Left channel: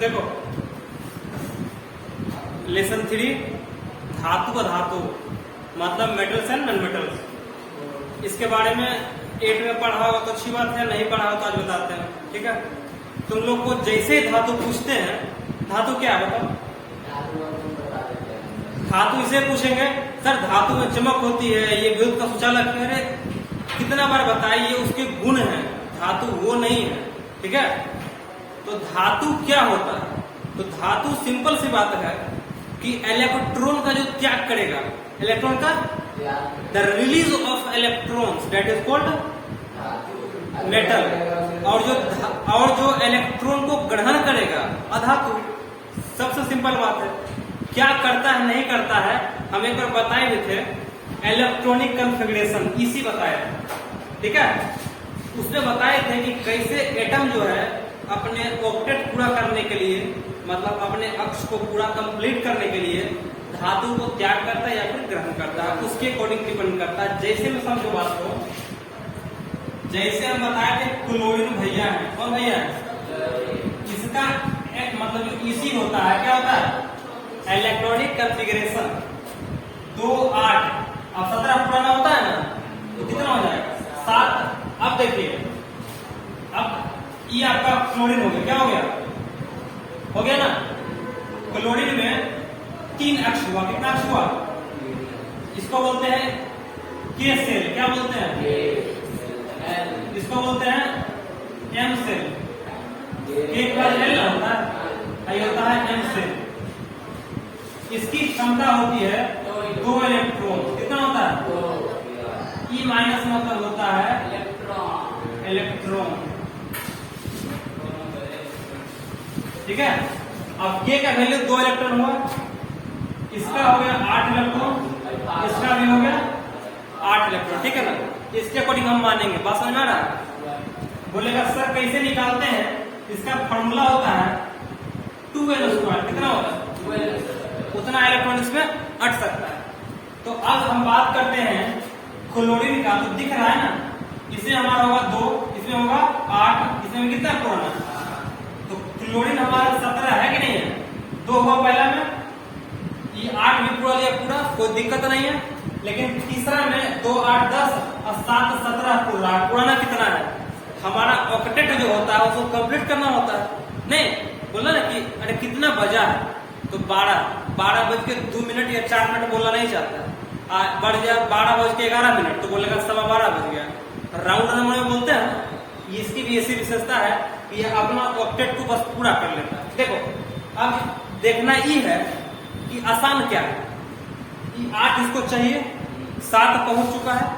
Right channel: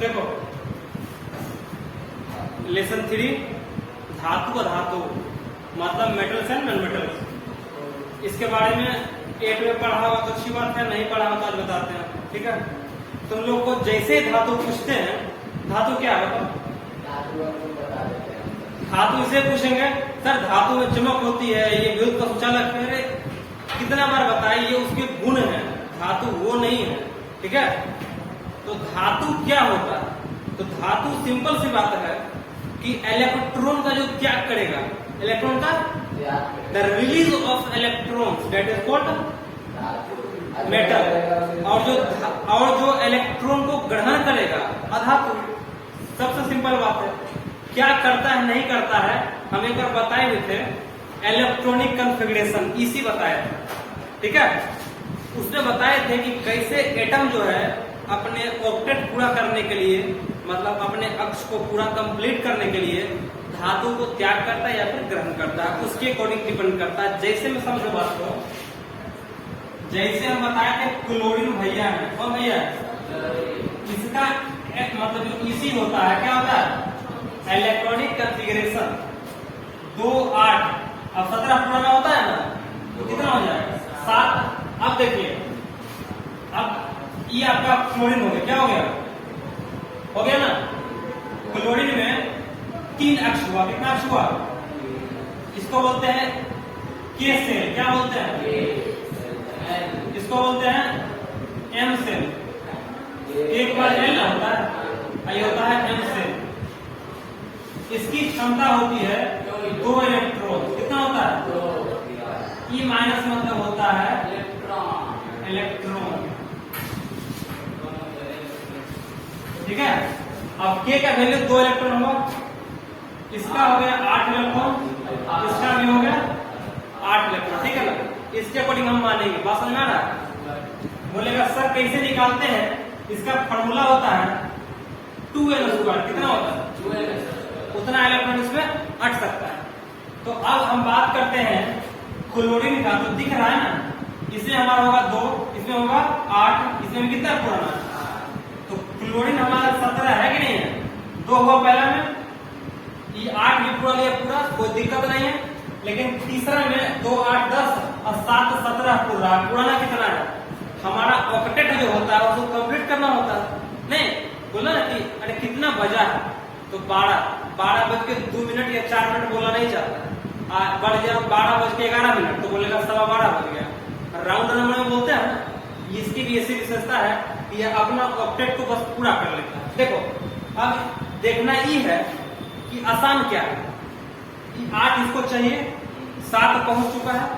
देखो लेसन 3 धातु अधातु मतलब मेटल्स एंड नॉन मेटल्स, इसके बारे में 8 में पढ़ा हो तो अच्छी बात है, नहीं पढ़ा हो तो आज बताते हैं। ठीक है, तुम लोग को जैसे ही धातु पूछते हैं, धातु क्या है बताओ? धातु इसे पूछेंगे सर धातु में चमक होती है, ये विद्युत का सुचालक है, कितना बार बताइए ये उसके गुण है, धातु वो नहीं है। ठीक है, तो धातु क्या होता है? तो धातु सिंपल सी बात है कि इलेक्ट्रॉन का जो त्याग करेगा, इलेक्ट्रॉन का the release of electrons that is called metal, और जो इलेक्ट्रॉन को ग्रहण करेगा अधातु। सबसे सिंपल बात है, क्या करता है नहीं करता है हम एक बार बताए भी थे, इलेक्ट्रॉनिक कॉन्फ़िगरेशन इसी बताया था। ठीक है, उसने बताए थे कि कैसे एटम जो है अपने ऑक्टेट पूरा करने के लिए, मतलब अपने अक्ष को पूरा कंप्लीट करने के लिए धातु को त्याग करता है या फिर ग्रहण करता है, उसके अकॉर्डिंग डिपेंड करता है। जैसे मैं समझो बात को, जैसे हम बताए थे क्लोरीन भैया है, कौन भैया है? इसका एक मतलब इसी होता है, क्या होता है? Electronic configuration 2 8। अब 17 पुराना होता है ना, तो कितना हो जाएगा? 7। अब देखिए, अब ये आपका क्लोरीन हो गया, क्या हो गया? हो गया ना? क्लोरीन में 3 अक्ष हुआ, कितना अक्ष हुआ? इसको बोलते हैं के सेल, क्या बोलते हैं? इसको बोलते हैं एम सेल। एक बार एल होता है, ये होता है एम सेल। इसकी क्षमता होती है 2 इलेक्ट्रॉन, कितना होता है? ई माइनस मतलब होता है इलेक्ट्रॉन। ठीक है, अब के का वैल्यू 2 इलेक्ट्रॉन हुआ, इसका हो गया 8 इलेक्ट्रॉन, इसका भी हो गया 8 इलेक्ट्रॉन। ठीक है ना, इसके अकॉर्डिंग हम मानेंगे। बात समझ आ रहा है? बोलेगा सर कैसे निकालते हैं? इसका फॉर्मूला होता है 2n²। कितना होता है? 2n, उतना इलेक्ट्रॉन इसमें अट सकता है। तो अब हम बात करते हैं क्लोरीन का, तो दिख रहा है ना, इसमें हमारा होगा 2, इसमें होगा 8, इसमें कितना पुराना? तो क्लोरीन हमारा 17 है कि नहीं है? 2 हुआ पहला में, ये 8 भी पूरा लिया पूरा, कोई दिक्कत नहीं है। लेकिन तीसरा में 2 8 10 और 7 17 पूरा, पुराना कितना है? हमारा ऑक्टेट जो होता है उसको कंप्लीट करना होता है। नहीं बोला ना कि अरे कितना बजा है, तो 12:02 या 4 मिनट बोला नहीं जाता, बढ़ जाए 12:11 तो बोलेगा 12:15 बज गया। राउंड नंबर में बोलते हैं ना, इसकी भी ऐसी विशेषता है कि यह अपना ऑक्टेट को बस पूरा कर लेता है। देखो अब देखना ये है कि आसान क्या है, कि 8 इसको चाहिए, 7 पहुंच चुका है,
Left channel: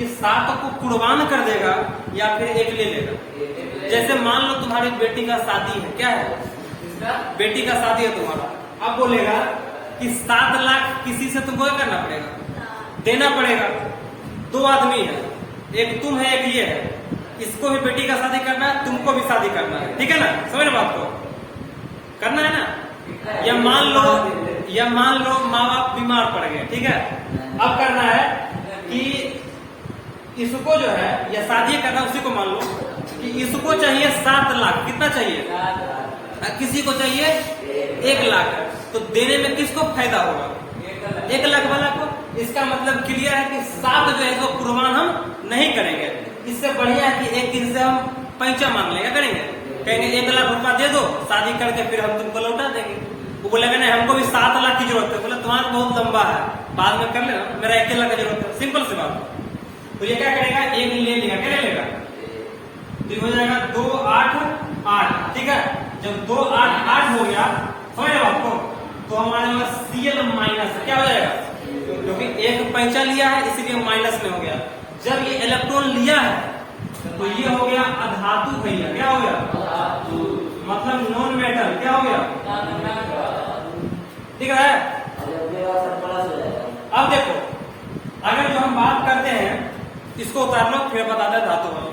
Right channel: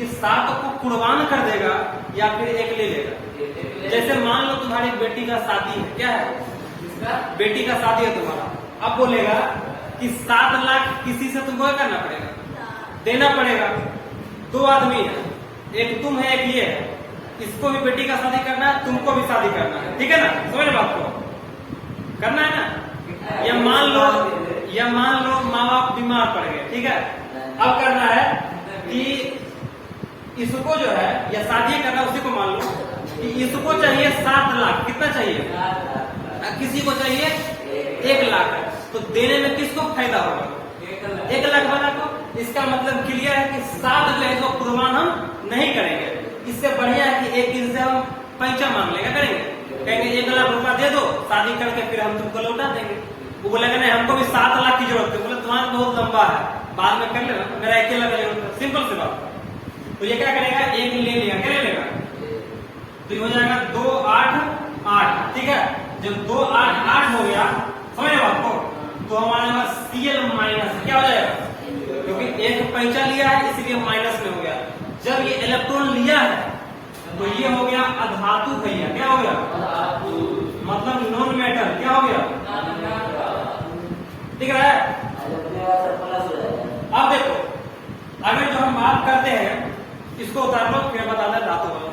ये 7 को कुर्बान कर देगा या फिर 1 ले लेगा। जैसे मान लो तुम्हारी बेटी का शादी है, क्या है? बेटी का शादी है तुम्हारा, अब बोलेगा कि 7 लाख किसी से तुमको करना पड़ेगा, देना पड़ेगा। 2 आदमी है, एक तुम है एक ये है, इसको भी बेटी का शादी करना है, तुमको भी शादी करना है। ठीक है ना, समझ बात को करना है ना। ये मान लो माँ बाप बीमार पड़ गए, ठीक है, अब करना है कि इसको जो है या शादी करना, उसी को मान लो कि इसको चाहिए 7 लाख, कितना चाहिए? किसी को चाहिए 1 लाख, तो देने में किसको फायदा होगा? 1 लाख वाला को। इसका मतलब क्लियर है कि 7 जो है जो कुर्बान हम नहीं करेंगे। इससे बढ़िया है कि एक दिन से हम पैसा मांग लेगा, करेंगे, कहेंगे 1 लाख रुपया दे दो, शादी करके फिर हम तुमको लौटा देंगे। वो बोलेगा नहीं हमको भी 7 लाख की जरूरत है, बोले तुम्हारा बहुत लंबा है, बाद में कर लेना, मेरा 1 लाख की जरूरत है, सिंपल सी बात। तो ये क्या करेगा? 1 ले लिया, क्या लेगा? तो ये हो जाएगा 2 8 8। ठीक है, जब 2 8 8 हो गया, समझ आपको, तो हमारा Cl माइनस क्या हो जाएगा? क्योंकि 1 पैसा लिया है इसलिए माइनस में हो गया। जब ये इलेक्ट्रॉन लिया है तो ये हो गया अधातु भैया, क्या हो गया? मतलब नॉन मेटल, क्या हो गया? ठीक है। अब देखो, अगर जो हम बात करते हैं इसको उतार लो, फिर बताता है धातु वाला,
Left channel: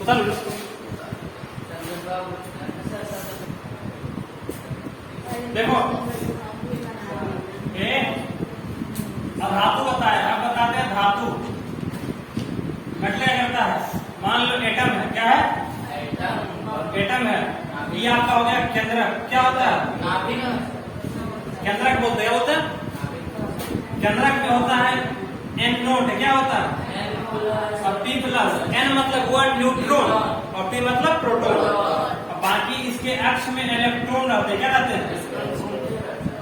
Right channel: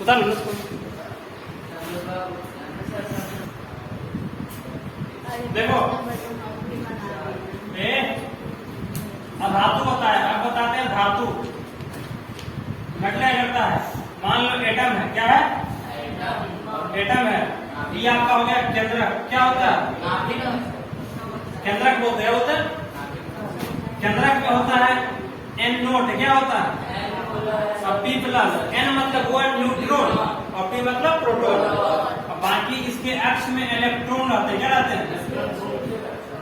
उतार लो। देखो ये धातु बताया, अब बताते हैं धातु मतलब क्या करता है। मान लो एटम है, क्या है? एटम है, ये आपका हो गया केंद्रक। क्या होता है? केंद्रक बोलते हैं, होता है केंद्रक में होता है एन नोट। क्या होता है? और पी प्लस। एन मतलब वो न्यूट्रॉन और पी मतलब प्रोटॉन। और बाकी इसके एक्स में इलेक्ट्रॉन रहते हैं। क्या रहते हैं?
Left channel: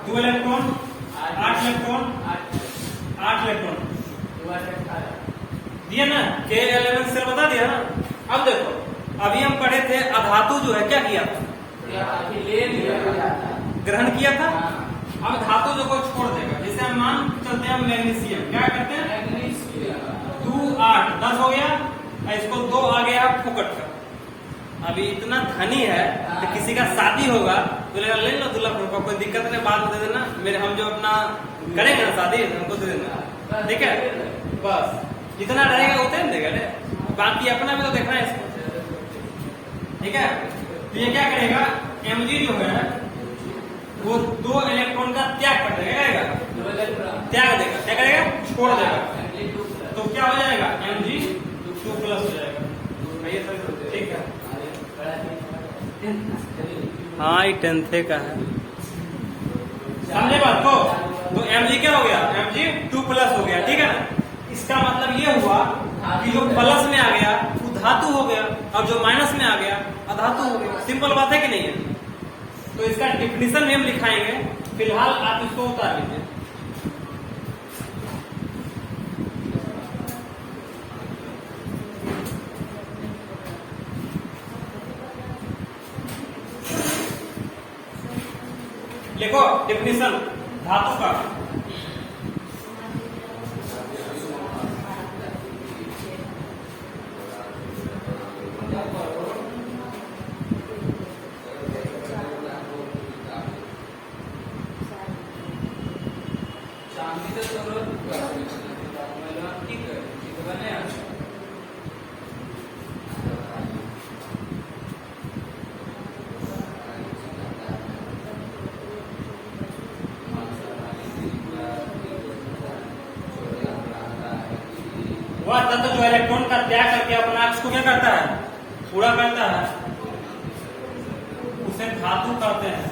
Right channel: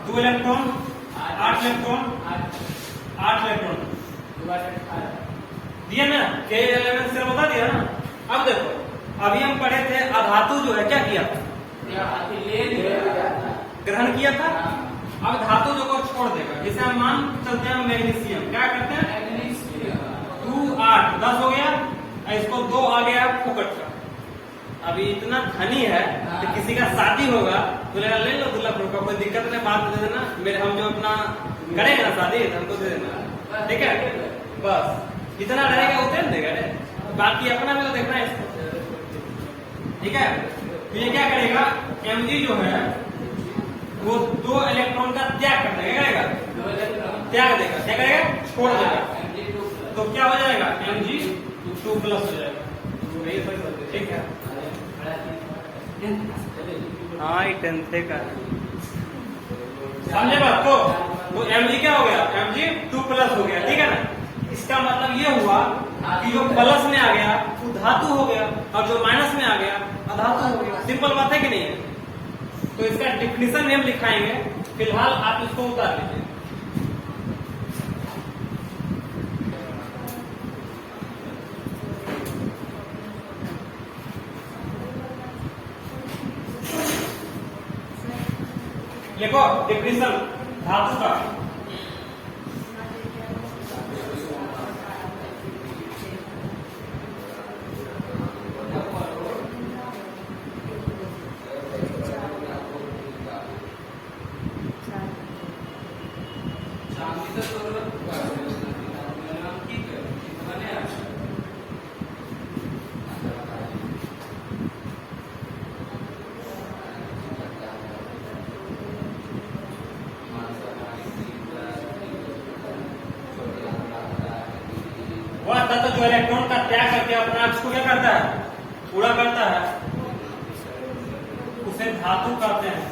2 इलेक्ट्रॉन, 8 इलेक्ट्रॉन, 8 इलेक्ट्रॉन दिया ना। के एलिमेंट से बता दिया ना। अब देखो, अभी हम पढ़े थे अधातु जो है क्या किया था? ग्रहण किया था। अब धातु जो को छोड़ देगा, जैसे हम मान चलते हैं मैग्नीशियम। क्या करते हैं? 2 8 10 हो गया, इसको 2 आ गया फुकट का। अभी इतना धनी है कि किसी का शादी होगा, बोलेगा ले लो दुल्हा को, कोई दिक्कत नहीं, बात दे देना, मेरे हम जो अपना करेंगे ना शादी हमको दे देना। ठीक है, बस जितना रहेगा उतना देगा, बाकी अपना भी तो देखना है इसको। ठीक है, तो ये क्या करेगा? Mg जो है वो 2 इलेक्ट्रॉन का त्याग कर देगा। त्याग देगा, क्या करेगा? छोड़ देगा। तो क्या हो जाएगा? Mg2 प्लस हो जाएगा। ठीक है, हाँ ये 10th का है, समझे बात को? तो Mg क्या हो गया? Mg2 प्लस हो गया। ठीक है, इसका मतलब ये हुआ कि जो प्लस में आ गया वो धातु हो गया और जो माइनस में आ गया अधातु हो गया। सिंपल बात है कि नहीं? तो इसका डिफिनेशन में हम लिखाएंगे, फिलहाल आप इसको उतार लीजिए। लिखो डिफिनेशन धातु का। वह तत्व जो इलेक्ट्रॉन का त्याग करके अपने अक्ष को क्या करता है? पूरा करता है, उसे धातु कहते हैं।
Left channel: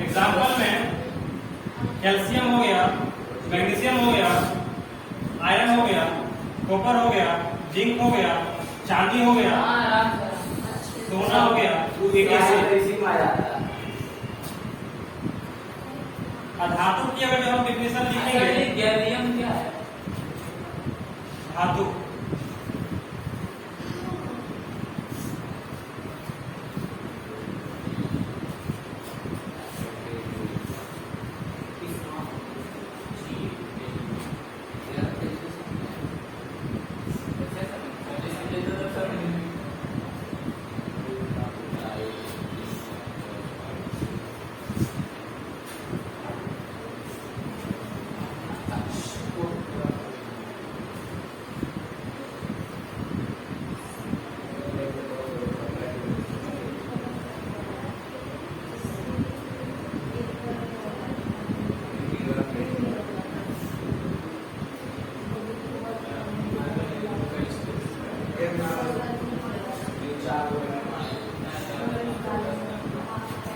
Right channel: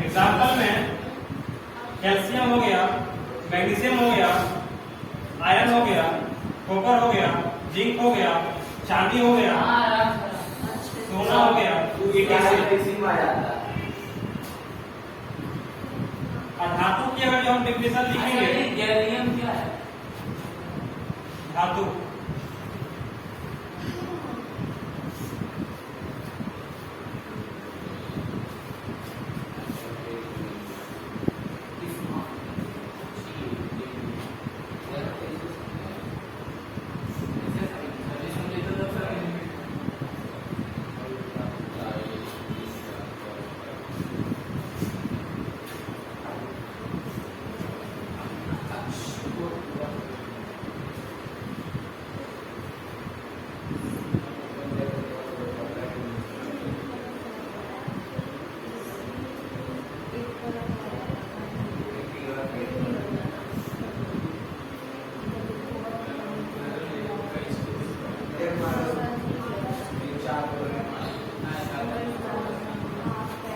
एग्जाम्पल में कैल्शियम हो गया, मैग्नीशियम हो गया, आयरन हो गया, कॉपर हो गया, जिंक हो गया, चांदी हो गया, सोना हो गया। और धातु की अगर जो हम डिफिनेशन लिखेंगे, गैलियम क्या है? धातु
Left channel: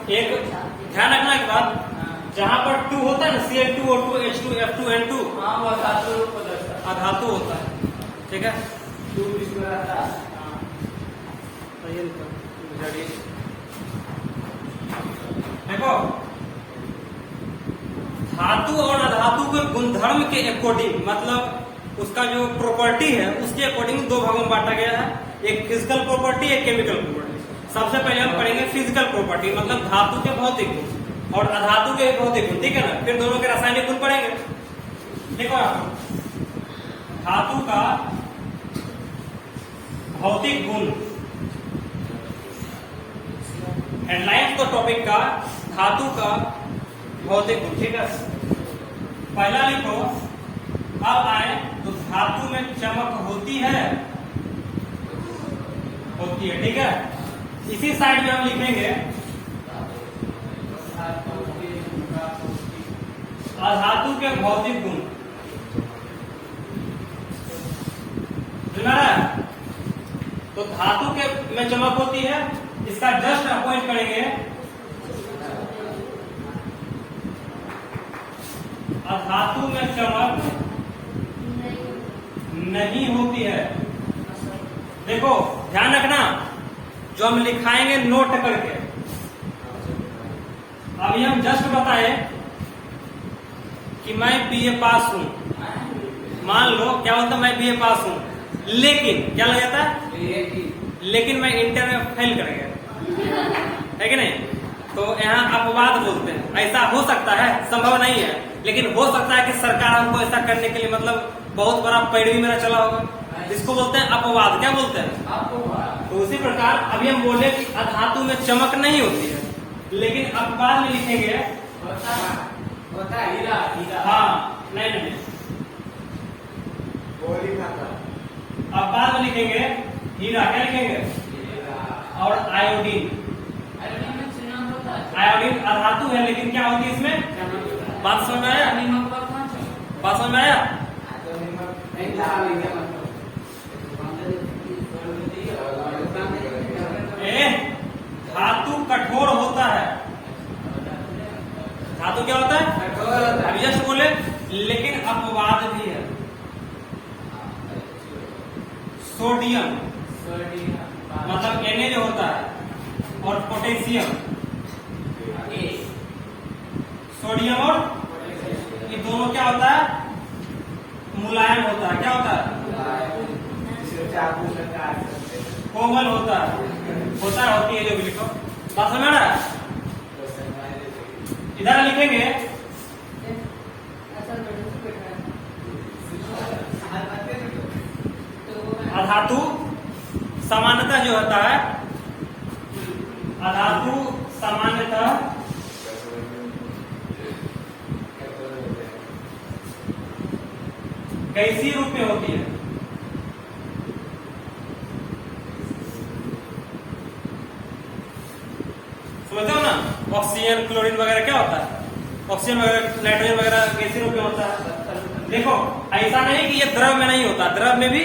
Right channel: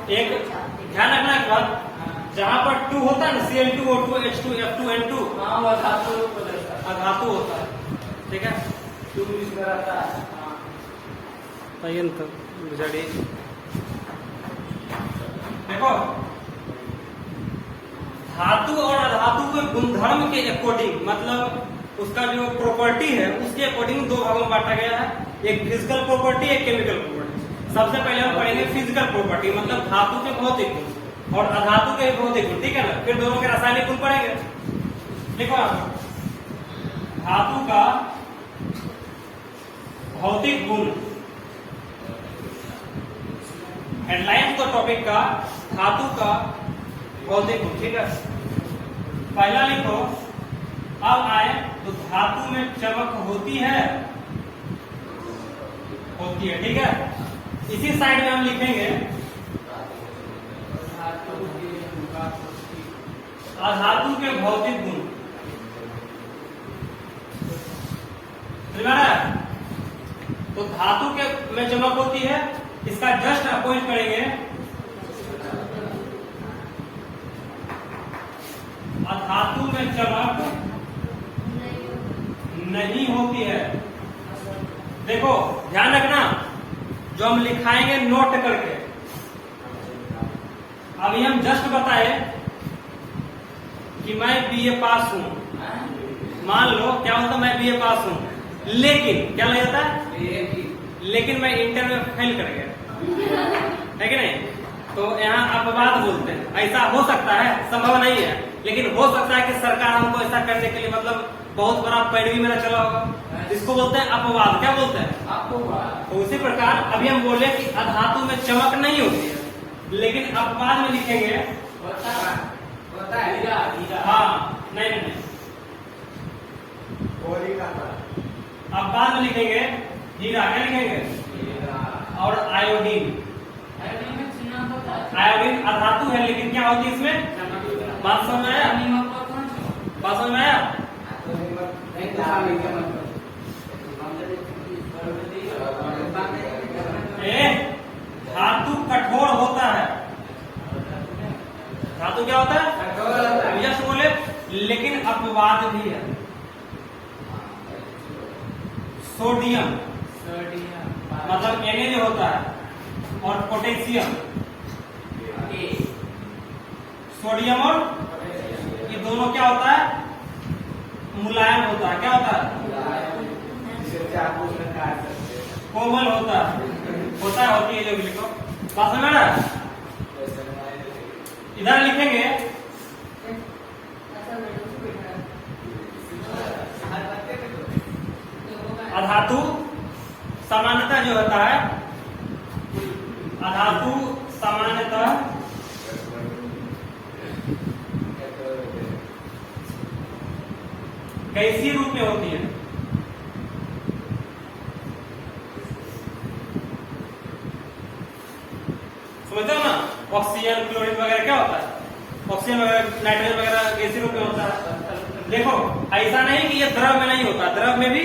एक ध्यान रखना की बात, जहाँ पर 2 होता है ना, Cl2O2 H2 F2 N2, हाँ वो अधातु होता है। ठीक है, 2 बीच में रहता है। देखो धातु और अधातु के गुणधर्म के अकॉर्डिंग, मतलब उसका जो प्रॉपर्टी है उसके अकॉर्डिंग 2 भागों में बांटा गया है, एक फिजिकल प्रॉपर्टी, एक केमिकल प्रॉपर्टी। सबसे पहले हम पढ़ेंगे फिजिकल प्रॉपर्टी, मतलब धातु के भौतिक गुण और अधातु के भौतिक गुण। ठीक है ना, फिर दोनों के रासायनिक गुण पढ़ेंगे। देखो धातु का भौतिक गुण, हेडलाइन तो टॉपिक का धातु का भौतिक गुण। ठीक है, पहला लिखो, अब आए तो धातु में चमक होती है, होती है। ठीक है, इसी साइड में हम लिखेंगे अधातु के भौतिक गुण। तो धातु के में चमक होती है, इसका जस्ट अपोजिट करेंगे, अधातु में चमक नहीं होती है। देखो ध्यान रखना, जो हम लिखाएंगे नोट करके। अभी हम जस्ट बताए कि मैं बीए पास हूं, मान लो क्या होता मैं बीए पास हूं, लेकिन क्या लग जाता है, लेकिन मैं इंटर में फेल कर गया, है कि नहीं? तो यहाँ अपवाद बोलते हैं। ऐसा हो सकता है, संभव नहीं है, लेकिन हो सकता है कि सरकार हमको ऐसा करने के लिए मतलब बहुत बड़ा पैरवी मेरा चला होगा, इसको बोलते हैं अपवाद। क्या बोलते हैं? अपवाद। तो उसी प्रकार अभी हम बोले कि अधातु में चमक नहीं होती है, लेकिन अपवाद में लिखेंगे होता है। हाँ, नहीं, अपवाद में लिखेंगे हीरा। क्या लिखेंगे? और आयोडीन। आयोडीन अधातु है, लेकिन क्या होती है इसमें? बात समझ में आया? बात समझ में आया? धातु कठोर होता है। धातु क्या होता है? कठोर। यश बोले, लेकिन अपवाद भी है। सोडियम मतलब Na जो होता है, और पोटेशियम, सोडियम और ये दोनों क्या होता है? मुलायम होता है। क्या होता है? कोमल होता है। होती है जो भी लिखो। बात समझ रहा है? इधर लिखेंगे अधातु सामान्यतः जो होता है, अधातु सामान्यतः गैसीय रूप में होती है। समझते हो ना? ऑक्सीजन, क्लोरीन वगैरह क्या होता है? ऑक्सीजन वगैरह, नाइट्रोजन वगैरह गैसीय रूप में होता है। देखो ऐसा नहीं कि ये द्रव में नहीं होता, द्रव में भी।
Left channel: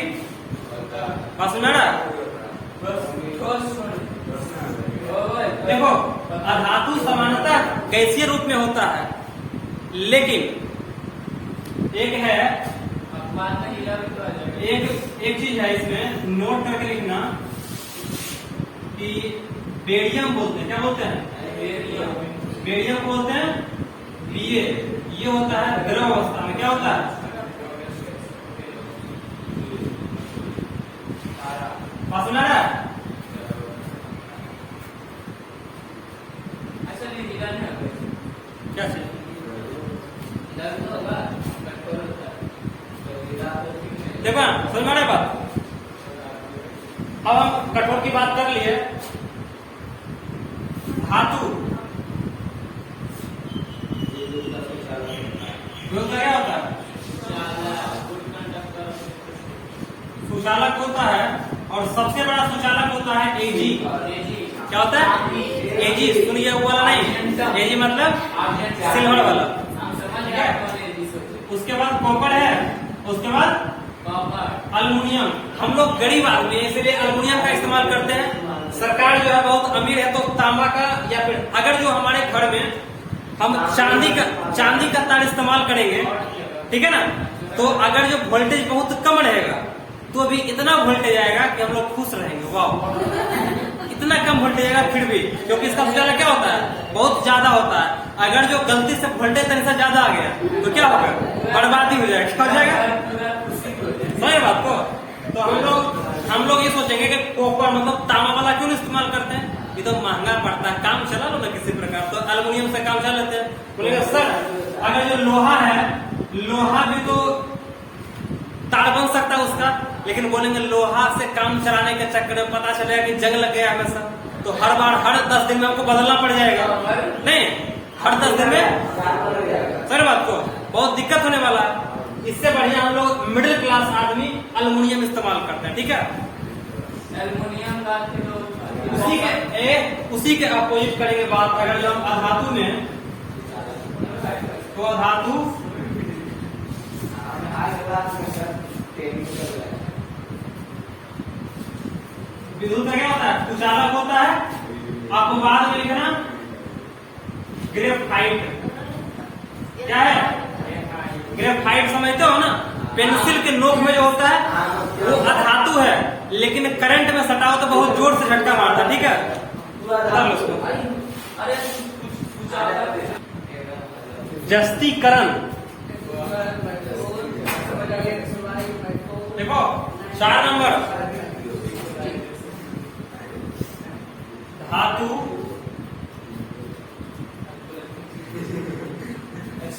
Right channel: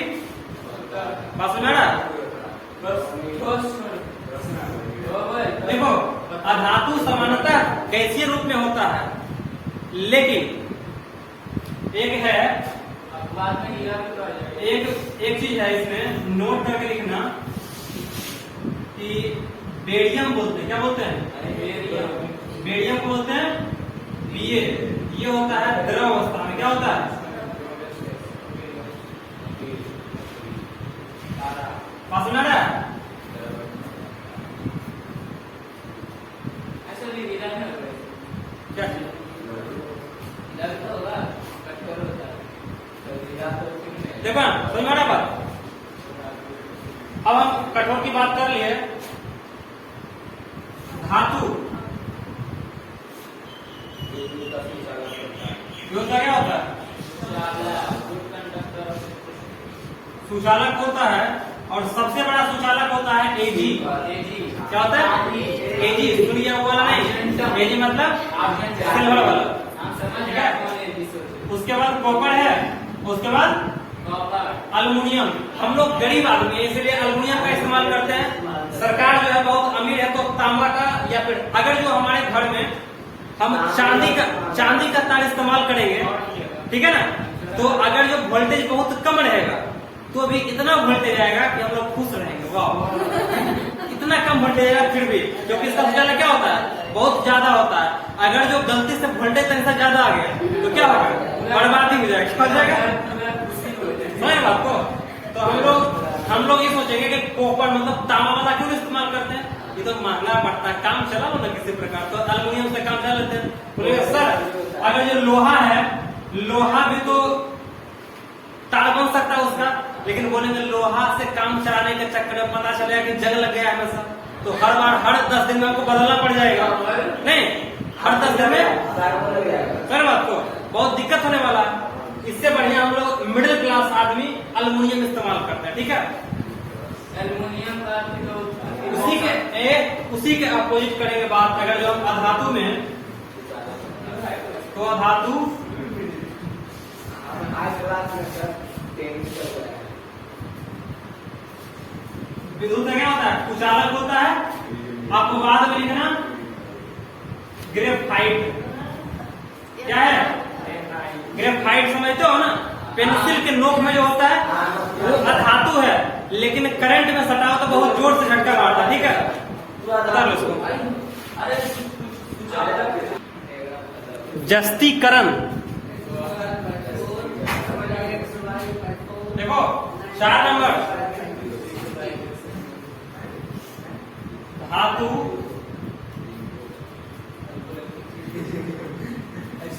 बात समझ रहा है? देखो अधातु सामान्यतः गैसीय रूप में होता है, लेकिन एक चीज है इसमें नोट करके लिखना कि बेरियम बोलते हैं। क्या बोलते हैं? बेरियम को बोलते हैं बीए। ये होता है द्रव अवस्था में। क्या होता है? बात सुना रहा है? क्या चीज? देखो समझ में आ रहा है बात? अब हम कठोर की बात कर लिए। धातु क्या होता है? सुचालक होता है, और सबसे बड़ा सुचालक होता है एजी। क्या होता है? एजी। सुनिए बोला नहीं, एजी मतलब सिल्वर वाला। उसके बाद कॉपर है, उसके बाद अल्युमिनियम। हम लोग गरीब आदमी है, इसलिए अल्युमिनियम का इस्तेमाल करते हैं। सरकार जो है बहुत अमीर है, तो तांबा का, या फिर अगर जो हमारे घर में हम चांदी का तार इस्तेमाल करेंगे, ठीक है ना, तो अगर जो वोल्टेज बहुत कम रहेगा तो भी इतना वोल्टेज आएगा कि हम लोग खुश रहेंगे। वाह, इतना कम वोल्टेज आएगा फिर भी, क्योंकि इसका सुचालक क्या होता है? बहुत ज्यादा होता है। अगर जो गलती से वोल्टेज से ज्यादा आ गया तो क्या होगा? बर्बादी हो जाएगा। बात को तो हम लोग ये सोचेंगे कि कॉपर मतलब तांबा वाला क्यों इस्तेमाल करते हैं? ये तो महंगा पड़ता है, काम चला लो ना किसी प्रकार, तो अल्युमिनियम से काम चला लेते हैं। बोले सर अगर जो लोहा है, लोहा भी तो तार बन सकता है उसका, लेकिन बोलेंगे लोहा से काम चलाने के चक्कर में पता चलेगा कि जंग लग गया हमेशा, तो हर 10 दिन में हमको बदलना पड़ जाएगा। नहीं, हर 10 दिन में सर बात को बहुत दिक्कत होने वाला। इससे बढ़िया हम लोग मिडिल क्लास आदमी अल्युमिनियम इस्तेमाल करते हैं। ठीक है, एल्युमिनियम का उसी के अपोजिट करेंगे बात। अगर जो हम अधातु में, तो अधातु विद्युत का क्या होता है? कुचालक होता है। आपको बाद में लिखना ग्रेफाइट। क्या है? ग्रेफाइट समझते हो ना? पेंसिल के नोक में जो होता है वो अधातु है, लेकिन करंट में सटाओ तो बहुत जोर से झटका मारता है। ठीक है, बता लो उसको। जस्तीकरण। देखो 4 नंबर, धातु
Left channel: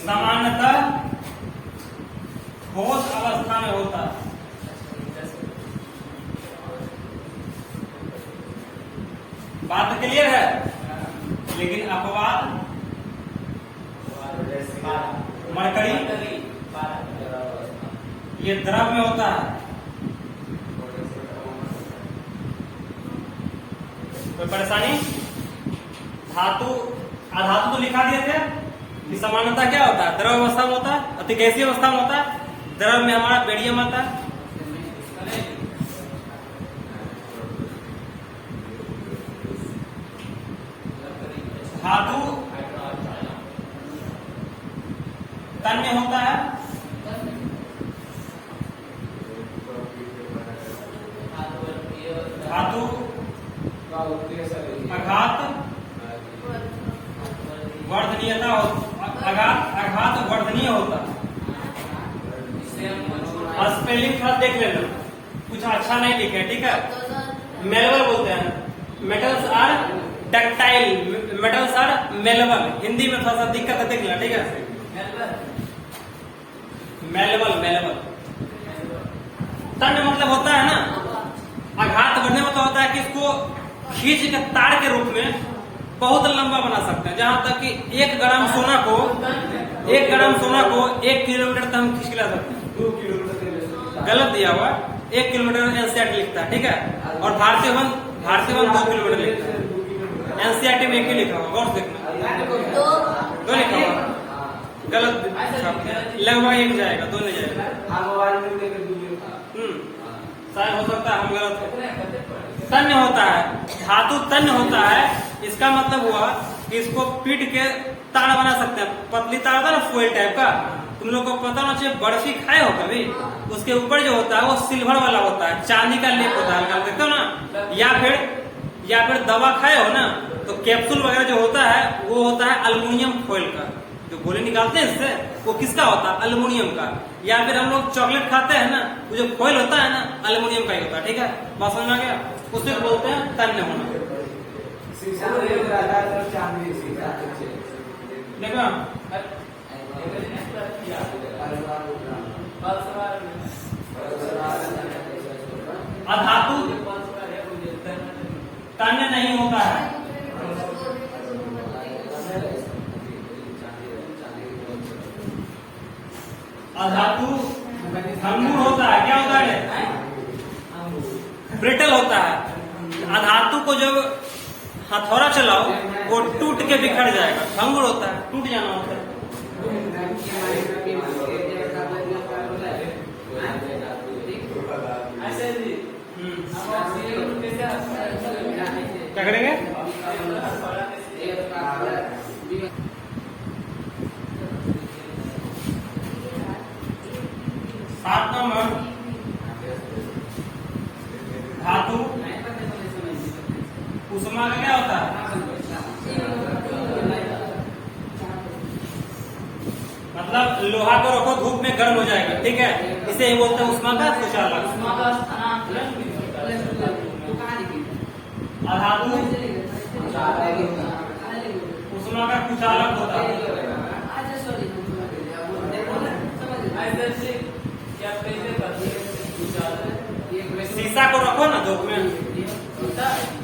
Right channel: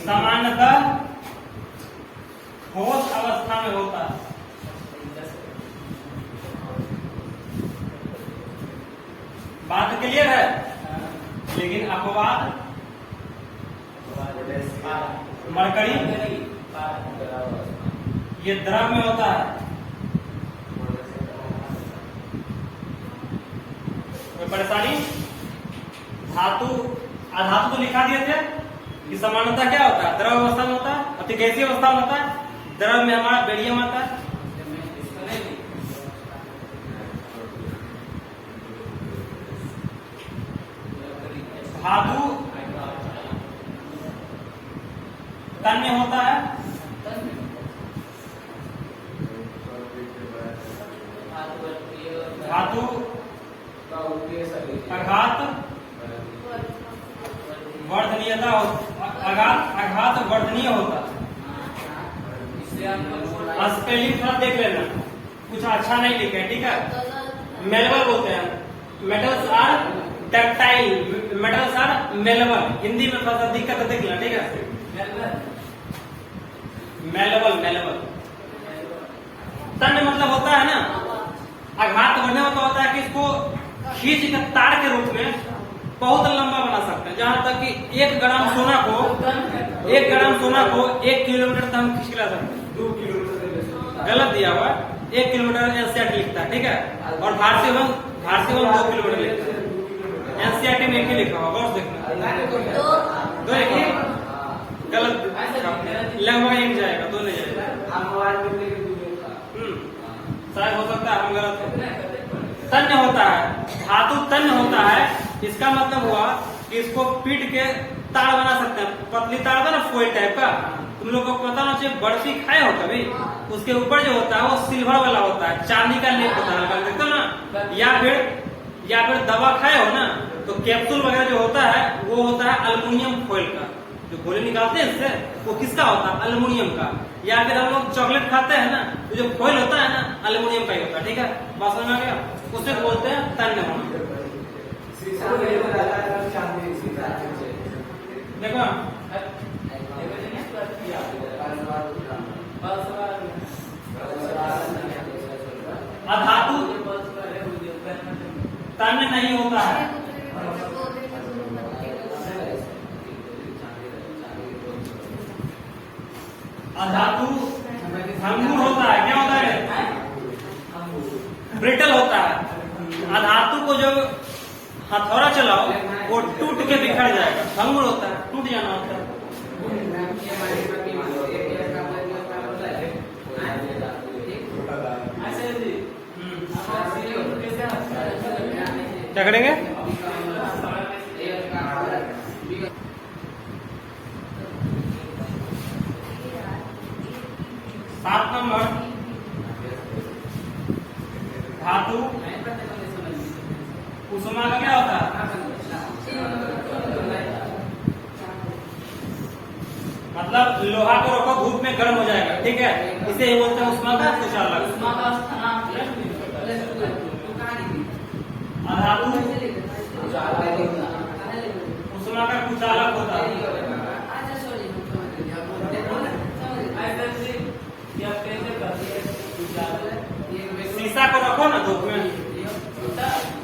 सामान्यतः ठोस अवस्था में होता है। बात क्लियर है? लेकिन अपवाद मरकरी ये द्रव में होता है। कोई परेशानी? धातु अधातु तो लिखा दिए थे कि समानता क्या होता है? द्रव अवस्था में होता है, अतिगैसीय अवस्था में होता है। द्रव में हमारा बेरियम आता है। धातु तन्य होता है। धातु आघात वर्धनीयता आघात वर्धनीय होता है। स्पेलिंग थोड़ा देख लेना, कुछ अच्छा नहीं लिखे। ठीक है, मेलेबल बोलते हैं। Metals are ductile, metals are malleable. Hindi में थोड़ा सा दिक्कत है, देख लेना। ठीक है, मेलेबल मेलेबल। तन्य मतलब होता है ना आघात बढ़ने में, तो होता है कि इसको खींच के तार के रूप में बहुत लंबा बना सकते हैं। जहां तक कि 1 ग्राम सोना को 1 किलोमीटर तक हम खींच ला सकते हैं। 2 किलोमीटर गलत दिया हुआ, 1 किलोमीटर एनसीईआरटी लिखता है। ठीक है, और भारतीय वन 2 किलोमीटर लिखता है। एनसीईआरटी में 1 ही लिखा हुआ, गौर से देखना। 2 लिखा हुआ, गलत लगभग 1 जाएगा, 2 नहीं जाएगा। शायद हो सकता है हम गलत है। तन्य होता है, धातु तन्य होता है। इसका मतलब हुआ कि इसको पीट के तार बना सकते हैं। पतली तार का ना, फोइल टाइप का। तुम लोग को पता ना चाहिए, बर्फी खाए हो कभी? उसके ऊपर जो होता है वो सिल्वर वाला होता है, चांदी का लेप होता है, देखते हो ना? या फिर दवा खाए हो ना, तो कैप्सूल वगैरह जो होता है वो होता है एल्युमिनियम फॉइल का। जो गोली निकालते हैं इससे, वो किसका होता है? एल्युमिनियम का। या फिर हम लोग चॉकलेट खाते हैं ना, तो जो फॉइल होता है ना, एल्युमिनियम का ही होता है। ठीक है, बात समझ आ गया? उसे बोलते हैं तन्य होना। देखो अधातु तन्य नहीं होता है। अधातु भंगुर होता है। क्या होता है? ब्रिटल होता है। अधातु को जब हथौड़ा चलाओ वो टूट के बिखर जाएगा, भंगुर होता है, टूट जाना होता है। क्या करेंगे? 7 नंबर, धातु उष्मा का क्या होता है? मतलब लोहा को रखो धूप में गर्म हो जाएगा। ठीक है, इसे ही बोलते हैं उष्मा का कुचालक। अधातु उष्मा का कुचालक होता है। शीशा को रखो ना धूप में,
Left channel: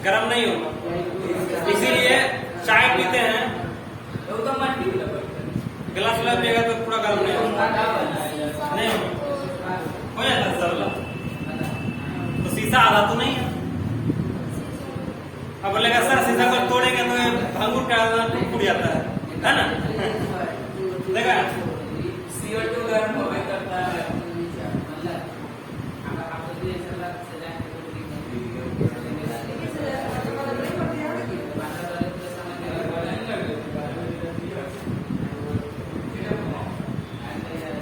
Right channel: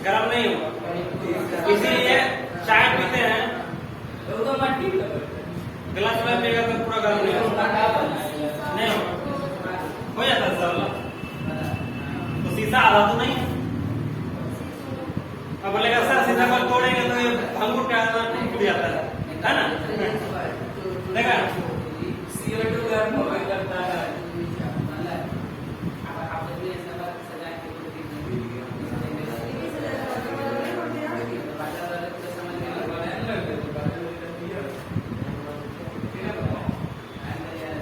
गर्म नहीं होगा। इसीलिए चाय पीते हैं, गिलास गिलास पिएगा तो पूरा गर्म नहीं होगा, नहीं हो जाता सरला। तो शीशा आधा तो नहीं है। अब बोलेगा सर शीशा को तोड़ेंगे तो ये अंगूर क्या टूट जाता है ना? देखा CO2 गर्म हो करता है।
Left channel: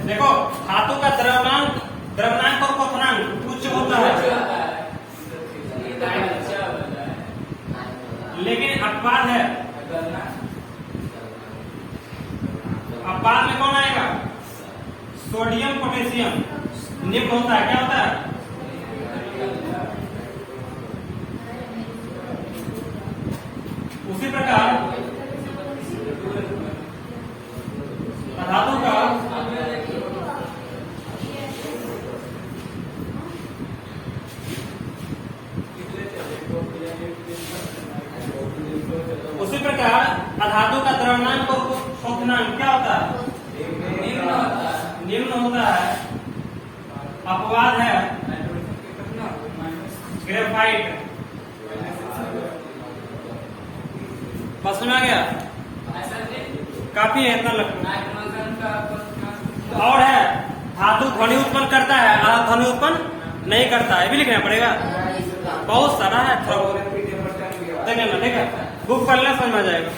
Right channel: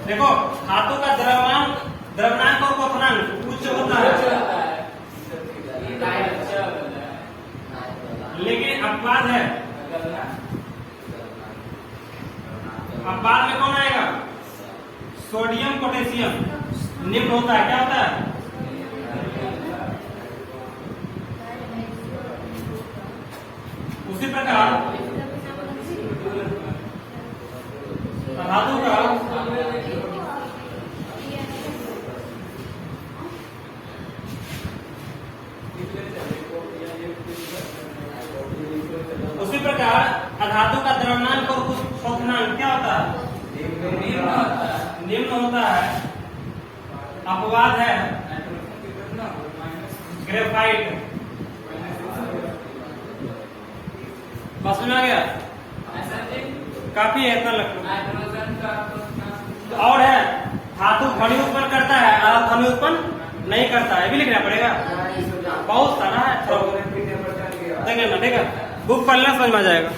देखो धातु का द्रव्यमान और क्वथनांक उच्च होता है, लेकिन अपवाद है। अपवाद में कौन आएगा? सोडियम पोटेशियम निम्न होता है। क्या होता है? उसी प्रकार धातु का अधातु का द्रव्यमान और क्वथनांक क्या होता है? निम्न होता है। अपवाद है ग्रेफाइट। बस में आ गया? काफी है, इतना लगता है। और है धातु ध्वनि उत्पन्न करता है, ध्वनि उत्पन्न नहीं करता है, भी लिखना पड़ेगा। बहुत सारा है, देंगे ना, ठीक है। बुक पढ़ लेना समझ में आ जाएगा।